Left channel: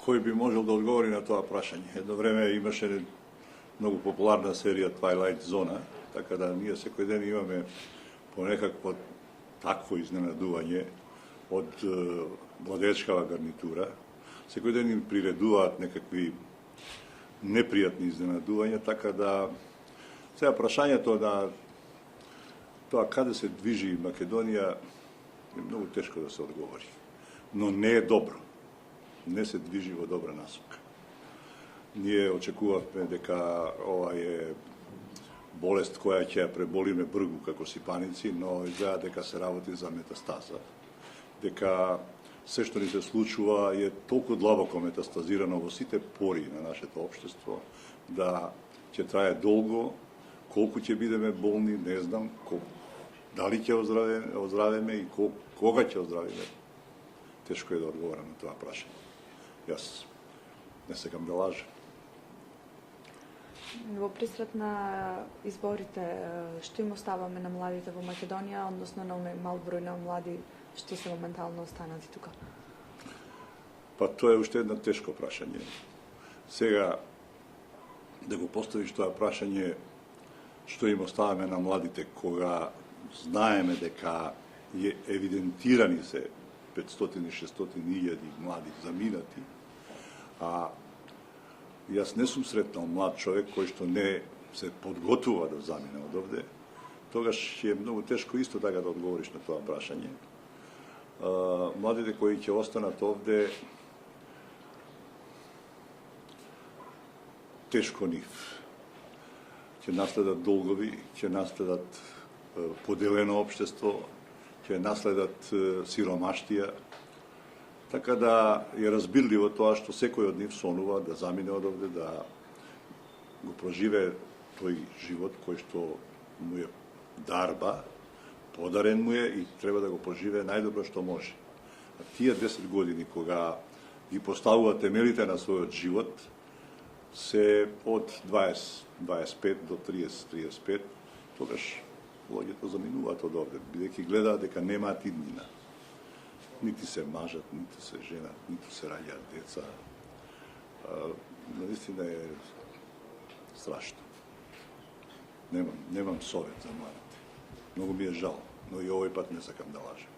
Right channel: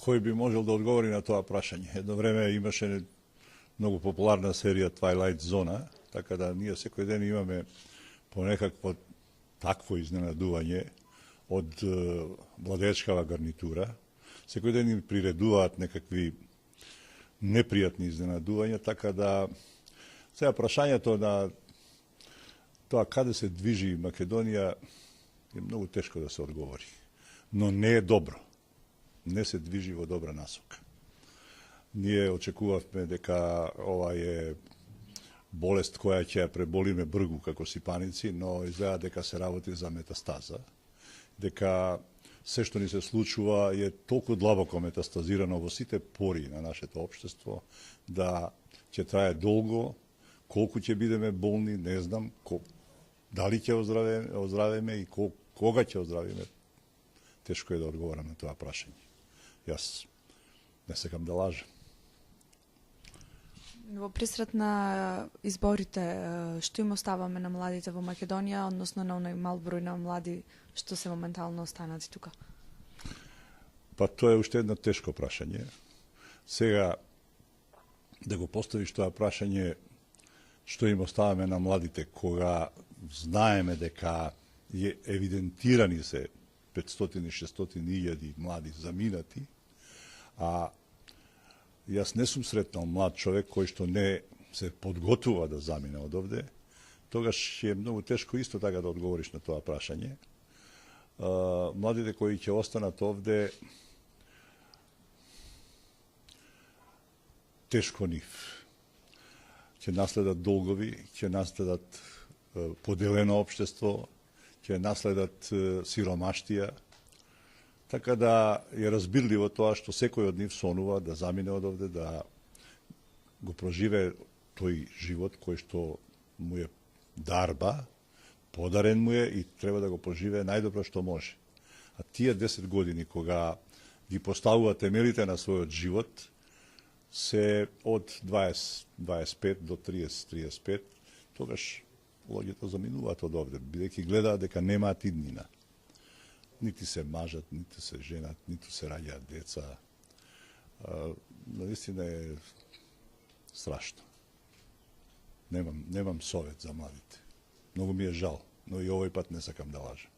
кој би можел да одговори на тоа прашање. Едно време имаше многу популарна серија Twilight Zona, така да ние секој ден имаме по некакво такво изненадување од владеечкава гарнитура. Секој ден им приредуваат некакви непријатни изненадувања, така да сега прашањето на тоа каде се движи Македонија е многу тешко да се одговори. Но не е добро. Не се движи во добра насока. Ние очекувавме дека ова е болест која ќе ја преболиме бргу како сипаници, но изгледа дека се работи за метастаза, дека се што ни се случува е толку длабоко метастазирано во сите пори на нашето општество, да ќе трае долго, колку ќе бидеме болни, не знам, дали ќе оздравиме и кога ќе оздравиме. Тешко е да одговорам на тоа прашање. Јас не сакам да лажам. Во присрет на изборите, што им оставаме на младите во Македонија, односно на оној мал број на млади што се моментално останати тука? Па тоа е уште едно тешко прашање. Сега, да го поставиш тоа прашање, што им оставаме на младите, кога знаеме дека е евидентирани се 500-600 илјади млади заминати, а јас не сум сретнал млад човек кој што не се подготува да замине од овде, тогаш е многу тешко исто така да одговориш на тоа прашање. Младите кои ќе останат овде, тешко нив. Ќе наследат долгови, ќе наследат поделено општество, ќе наследат сиромаштија, така да е разбирливо тоа што секој од нив сонува да замине од овде, да го проживе тој живот кој што му е дарба, подарен му е и треба да го проживее најдобро што може. А тие 10 години кога ги поставува темелите на својот живот се од 20-25 до 30-35, тогаш луѓето заминуваат од овде, бидејќи гледаат дека немаат иднина. Нити се мажат, нити се женат, ниту се раѓаат деца. Наистина е страшно. Немам совет за младите. Многу ми е жал, но и овој пат не сакам да лажам.